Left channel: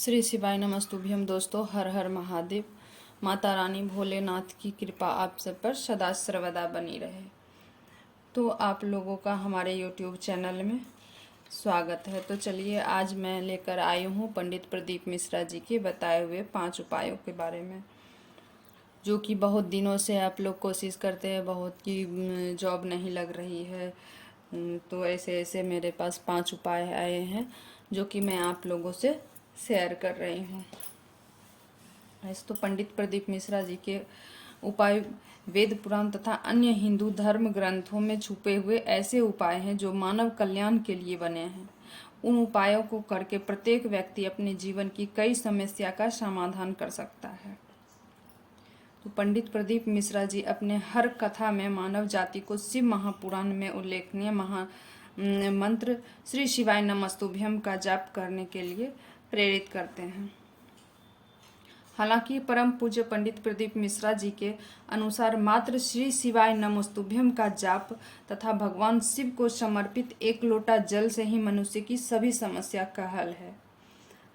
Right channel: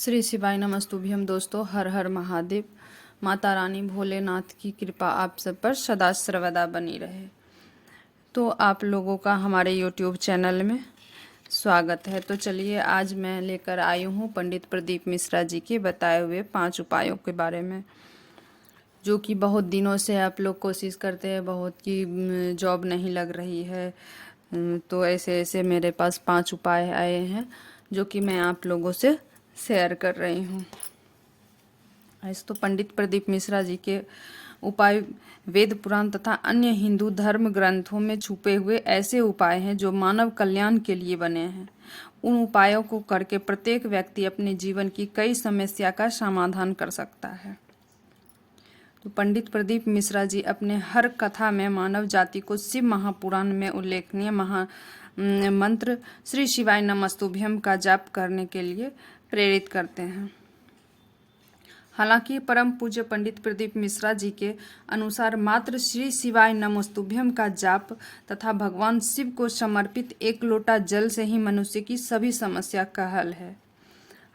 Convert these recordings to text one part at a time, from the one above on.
श्री शिवाय नमस्तुभ्यम। दोस्तों, हर हर महादेव। माता रानी भोलेनाथ की कृपा आप सब पर सदा सर्वदा बनी रहे। तो आप लोगों का हमारे YouTube चैनल में स्वागत है। तो चलिए, आज मैं लेकर आई हूँ पंडित प्रदीप मिश्रा जी के बताए हुए 5 उपायों के बारे में, जो कि बहुत दिनों से आप लोग कोशिश करते हैं, बहुत की जॉब नहीं लग रही है। तो ऐसे ऐसे मेरे पास 5 उपाय आए हैं जो कि मैं आप लोगों से शेयर कर रही हूँ। ऐसे तो पंडित प्रदीप मिश्रा जी के उपाय वेद पुराण तथा अन्य हिंदू धर्म ग्रंथों में छुपे हुए ऐसे उपाय हैं जो मानव कल्याण के लिए बने हैं। उन उपायों को करके प्रत्येक व्यक्ति अपने जीवन की कई समस्या का समाधान कर सकता है। तो पंडित प्रदीप मिश्रा जी अपने हर कथा में मानव जाति को शिव महापुराण में उल्लेखनीय मंत्र श्री शिवाय नमस्तुभ्यम का जाप करने के लिए प्रेरित करते हैं। हालांकि परम पूज्य पंडित प्रदीप मिश्रा जी के अनुसार मात्र श्री शिवाय नमस्तुभ्यम का जाप तथा भगवान शिव को समर्पित एक लोटा जल से ही मनुष्य की सभी समस्या का हल है।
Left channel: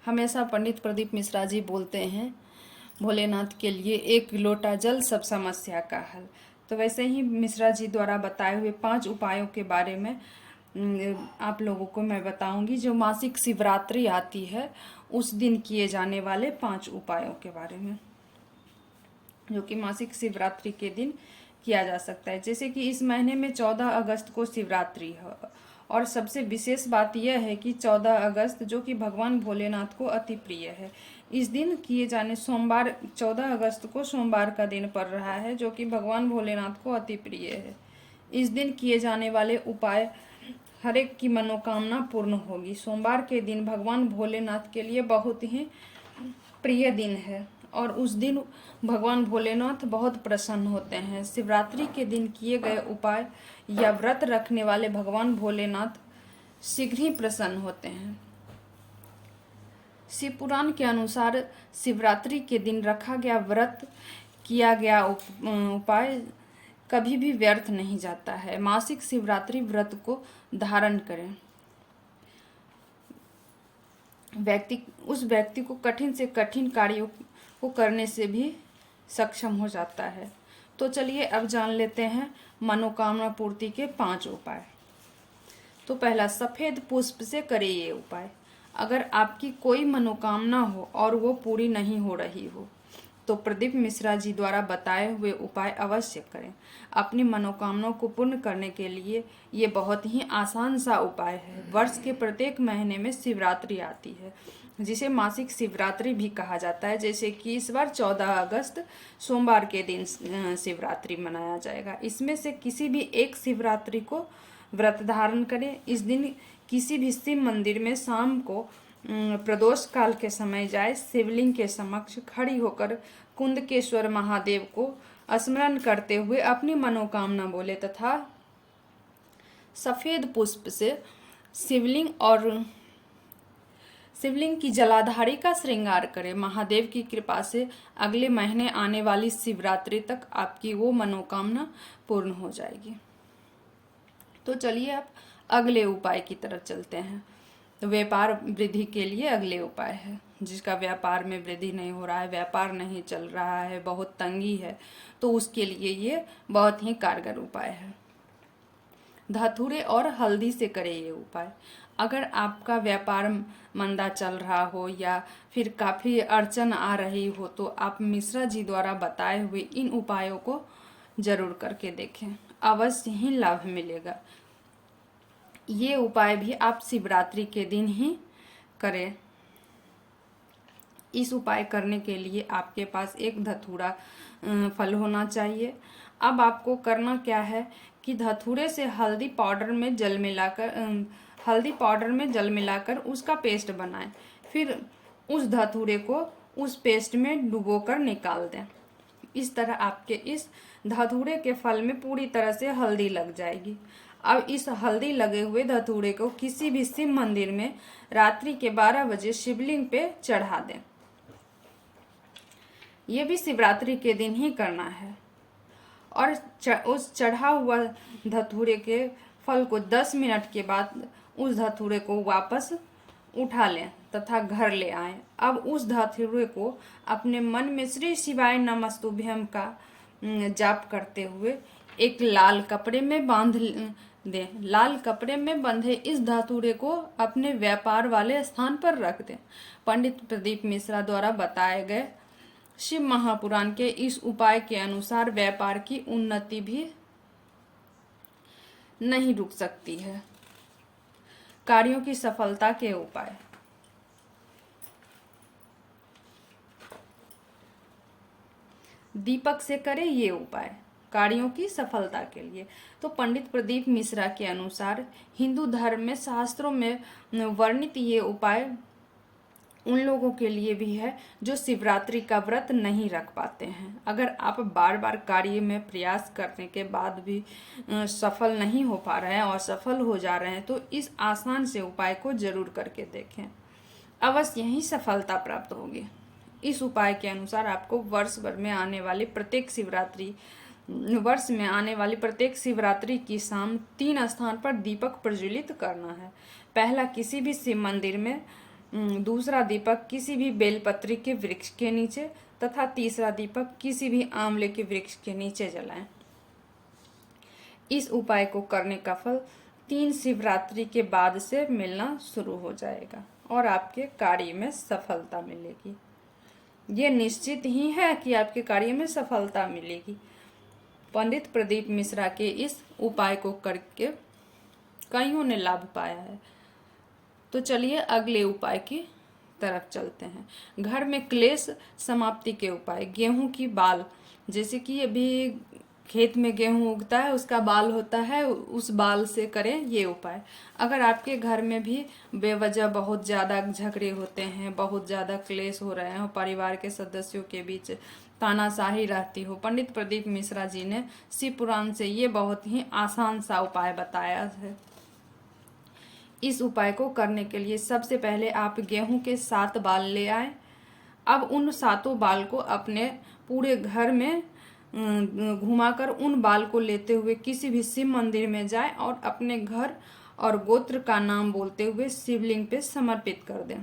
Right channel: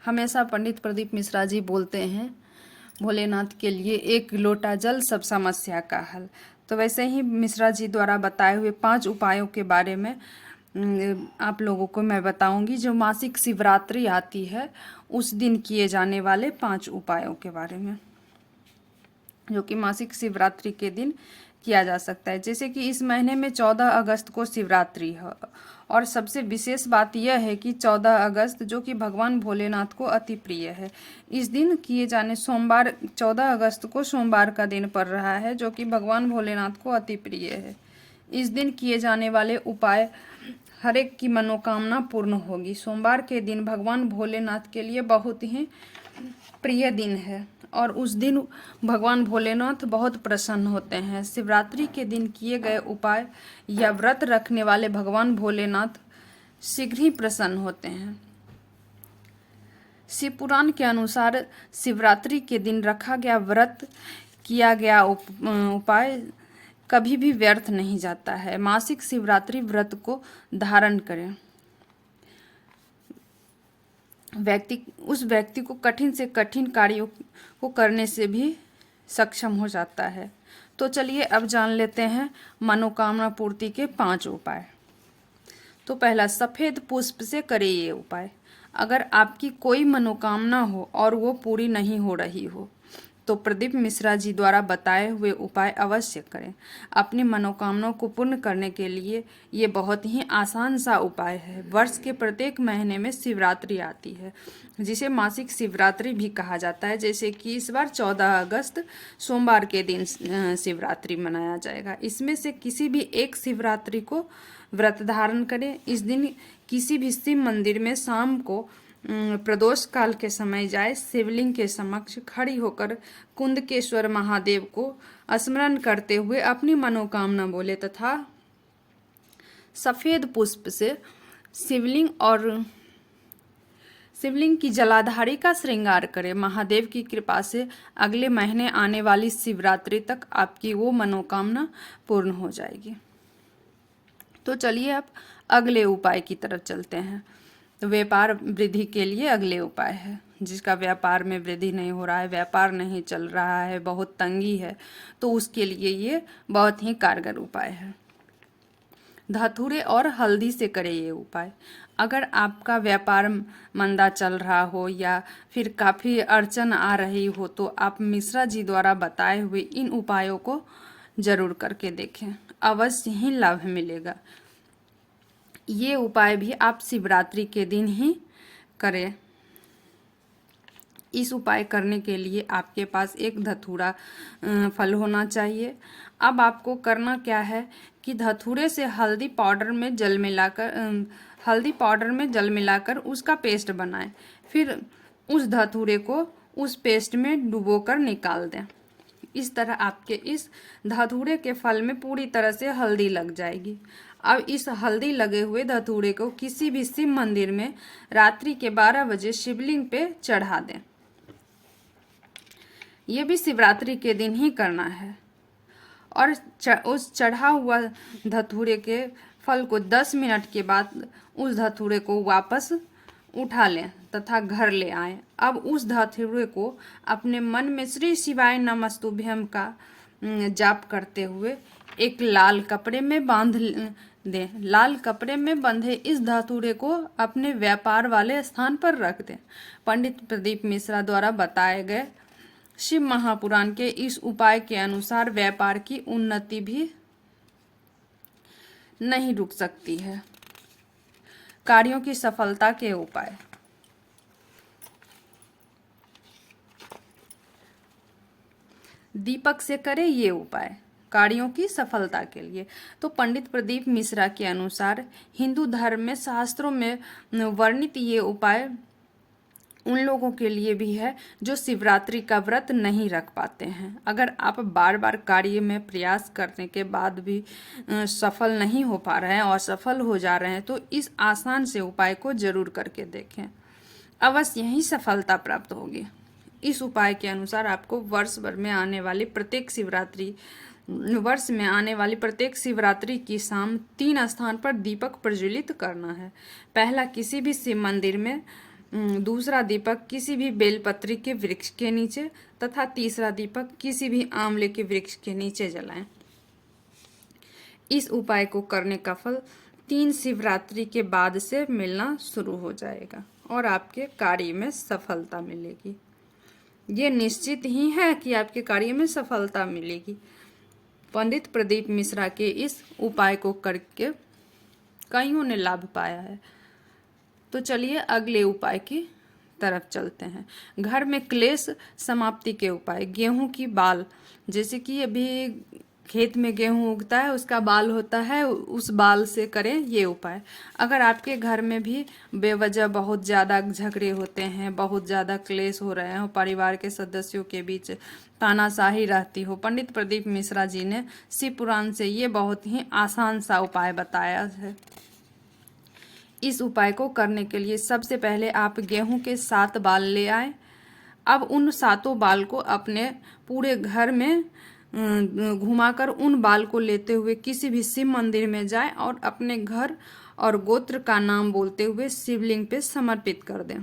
हमेशा पंडित प्रदीप मिश्रा जी बोलते हैं, भोलेनाथ के लिए एक लोटा जल सब समस्या का हल। तो वैसे ही मिश्रा जी द्वारा बताए हुए 5 उपायों के बारे में आप लोगों को मैं बताऊंगी। जो मासिक शिवरात्रि आती है उस दिन किए जाने वाले 5 उपायों के बारे में, जो कि मासिक शिवरात्रि के दिन किया जा सकता है। जैसे कि इस महीने में 14 अगस्त को शिवरात्रि है, और सबसे विशेष बात यह है कि 14 अगस्त जो कि भगवान भोलेनाथ को अति प्रिय है। इस दिन किए जाने सोमवार 14 अगस्त को सोमवार का दिन पड़ रहा है, जो कि भगवान भोलेनाथ को अति प्रिय है। इस दिन किए जाने वाले उपाय हर एक की मनोकामना पूर्ण होगी। सोमवार के दिन भगवान भोलेनाथ के लिए बहुत ही प्रिय दिन है और उस दिन भगवान भोलेनाथ बहुत प्रसन्न होते हैं। शिवरात्रि के दिन किए गए उपाय या व्रत रखने वाले भगवान भोलेनाथ शीघ्र ही प्रसन्न होते हैं। शिव पुराण के अनुसार शिवरात्रि के दिन रखा गया व्रत किया गया उपाय कभी भी व्यर्थ नहीं जाता है। मासिक शिवरात्रि व्रत को धारण करें, उस व्यक्ति को कठिन से कठिन कार्यों को करने से भी सक्षम हो जाता है। तो चलिए अब जान लेते हैं मनोकामना पूर्ति के 5 उपाय। तो पहला, सफेद पुष्प से करें ये उपाय। अगर आपकी कोई मनोकामना हो और वो पूरी नहीं हो रही हो तो प्रदीप मिश्रा जी द्वारा बताए हुए उपाय अवश्य करें। अपनी मनोकामनाओं को पूर्ण करने के लिए ये बहुत ही आसान सा उपाय है। वर्ष के प्रत्येक महीने में शिवरात्रि आती है, जिसे मासिक शिवरात्रि भी कहा जाता है। जैसे कि इस बार 14 अगस्त सोमवार के दिन शिवरात्रि मनाया जाएगा। इसमें से किसी भी एक शिवरात्रि को व्रत धारण करें। इस दिन किसी भी शिव मंदिर में शाम को प्रदोष काल के समय जाए, शिवलिंग के समक्ष खड़ी होकर कुंदकेश्वर महादेव को स्मरण करते हुए अपनी मनोकामना बोले तथा सफेद पुष्प से शिवलिंग की जलाधारी का श्रृंगार करें। महादेव की कृपा से अगले महीने आने वाली शिवरात्रि तक आपकी वो मनोकामना पूर्ण हो जाएगी। तो चलिए अब अगले उपाय की तरफ चलते हैं। तो व्यापार वृद्धि के लिए अगले उपाय है। जिसका व्यापार में वृद्धि नहीं हो रहा है, व्यापार नहीं चल रहा है, बहुत तंगी है, तो उसके लिए ये बहुत ही कारगर उपाय है। धतूरे और हल्दी से करें ये उपाय। अगर आपका व्यापार मंदा चल रहा हो या फिर काफ़ी अड़चन आ रही हो तो आप मिश्रा जी द्वारा बताए हुए इन उपायों को जरूर करके देखें, अवश्य ही लाभ मिलेगा। ये उपाय भी आप शिवरात्रि के दिन ही करें। इस उपाय करने के लिए आपके पास एक धतूरा फल होना चाहिए। अब आपको करना क्या है कि धतूरे से हल्दी पाउडर में जल मिलाकर उसका पेस्ट बनाएं। फिर उस धतूरे को उस पेस्ट में डुबोकर निकाल दें। इस तरह आपके इस धतूरे के फल में पूरी तरह से हल्दी लग जाएगी। अब इस हल्दी लगे हुए धतूरे को किसी भी शिव मंदिर में रात्रि के 12 बजे शिवलिंग पे चढ़ा दें। यह भी शिवरात्रि के दिन ही करना है। और उस चढ़ा हुआ धतूरे के फल को 10 मिनट के बाद उस धतूरे को वापस उठा लें तथा घर ले आए। अब उस धतूरे को अपने मन में श्री शिवाय नमस्तुभ्यम का जाप करते हुए एक लाल कपड़े में बांध दें। लाल कपड़े में बंधे इस धतूरे को अपने व्यापार वाले स्थान पर रख दें। पंडित प्रदीप मिश्रा द्वारा बताए गए शिव महापुराण के इस उपाय के अनुसार व्यापार की उन्नति भी नहीं रुक सकती है। कार्यों की सफलता के उपाय। दीपक से करें ये उपाय कार्यों की सफलता के लिए। तो पंडित प्रदीप मिश्रा के अनुसार हिंदू धर्म में शास्त्रों में वर्णित ये उपाय उन लोगों के लिए भी है जो शिवरात्रि का व्रत नहीं रख पाते हैं। अगर आप बार बार कार्य में प्रयास करने के बाद भी सफल नहीं हो पा रहे हैं और असफल हो जा रहे हैं तो इस आसान से उपाय को जरूर करके देखें, अवश्य यही सफलता प्राप्त होगी। इस उपाय के अनुसार आपको वर्ष में आने वाली प्रत्येक शिवरात्रि की शाम 3 स्थान पर दीपक प्रज्वलित करना है। पहला किसी भी शिव मंदिर में, दूसरा दीपक किसी भी बेलपत्री के वृक्ष के नीचे तथा तीसरा दीपक किसी भी आंवले के वृक्ष के नीचे जलाएं। इस उपाय को करने का फल 3 शिवरात्रि के बाद से मिलना शुरू हो जाएगा और आपके कार्य में सफलता मिलेगी। ये निश्चित ही है कि आपके कार्य में सफलता मिलेगी। पंडित प्रदीप मिश्रा के इस उपाय को करके कईयों ने लाभ पाया है। तो चलिए अगले उपाय की तरफ चलते हैं। घर में क्लेश समाप्ति के उपाय। गेहूं की बाल, जैसे कि अभी खेत में गेहूं उगता है उसका बाल होता है, उस बाल से करें ये उपाय। अगर आपके घर में भी बेवजह बहुत ज़्यादा झगड़े होते हैं, बहुत ज़्यादा क्लेश हो रहे हो, परिवार के सदस्यों के बीच तानाशाही रहती हो, पंडित प्रदीप मिश्रा जी ने शिव पुराण से ये बहुत ही आसान सा उपाय बताया है। इस उपाय को करने के लिए सबसे पहले आप गेहूं के 7 बाल ले आए। अब उन 7 बाल को अपने पूरे घर में घुमाकर उन बाल को लेते हुए किसी भी शिव मंदिर में जाएं और अपने घर और गोत्र का नाम बोलते हुए शिवलिंग पे समर्पित कर दें।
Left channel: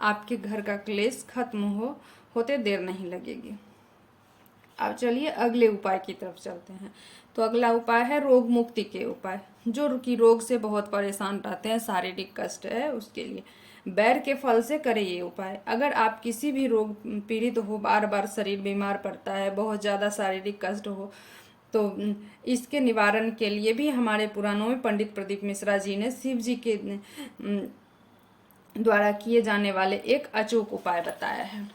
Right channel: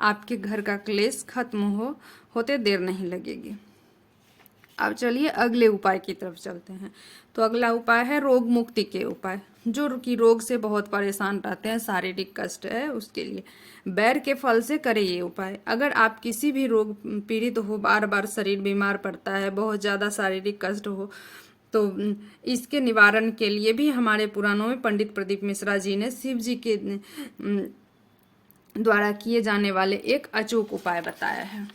आपके घर का क्लेश खत्म होते देर नहीं लगेगी। अब चलिए अगले उपाय की तरफ चलते हैं। तो अगला उपाय है रोग मुक्ति के उपाय। जो कि रोग से बहुत परेशान रहते हैं, शारीरिक कष्ट है, उसके लिए बैर के फल से करें ये उपाय। अगर आप किसी भी रोग पीड़ित हो, बार बार शरीर बीमार पड़ता है, बहुत ज़्यादा शारीरिक कष्ट हो, तो इसके निवारण के लिए भी हमारे पुराणों में पंडित प्रदीप मिश्रा जी ने शिव जी के द्वारा किए जाने वाले एक अचूक उपाय बताया है।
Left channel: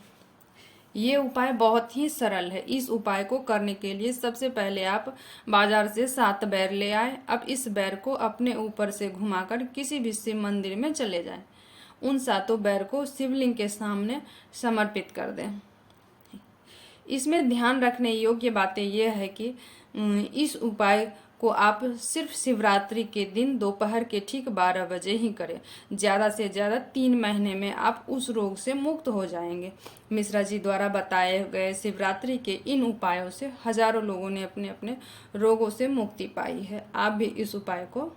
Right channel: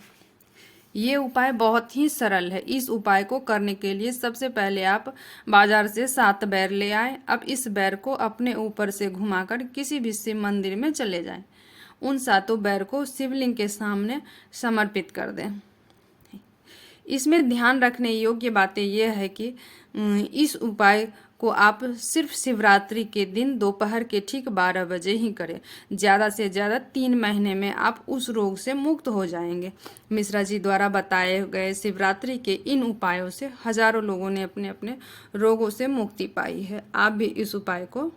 ये उपाय बहुत ही सरल है। इस उपाय को करने के लिए सबसे पहले आप बाजार से 7 बैर ले आए। अब इस बैर को अपने ऊपर से घुमाकर किसी भी शिव मंदिर में चले जाएं। उन 7 बैर को शिवलिंग के सामने समर्पित कर दें। इसमें ध्यान रखने योग्य बातें यह है कि इस उपाय को आप सिर्फ शिवरात्रि के दिन दोपहर के ठीक 12 बजे ही करें। ज़्यादा से ज़्यादा 3 महीने में आप उस रोग से मुक्त हो जाएंगे। मिश्रा जी द्वारा बताए गए शिवरात्रि के इन उपायों से हजारों लोगों ने अपने अपने रोगों से मुक्ति पाई है। आप भी इस उपाय को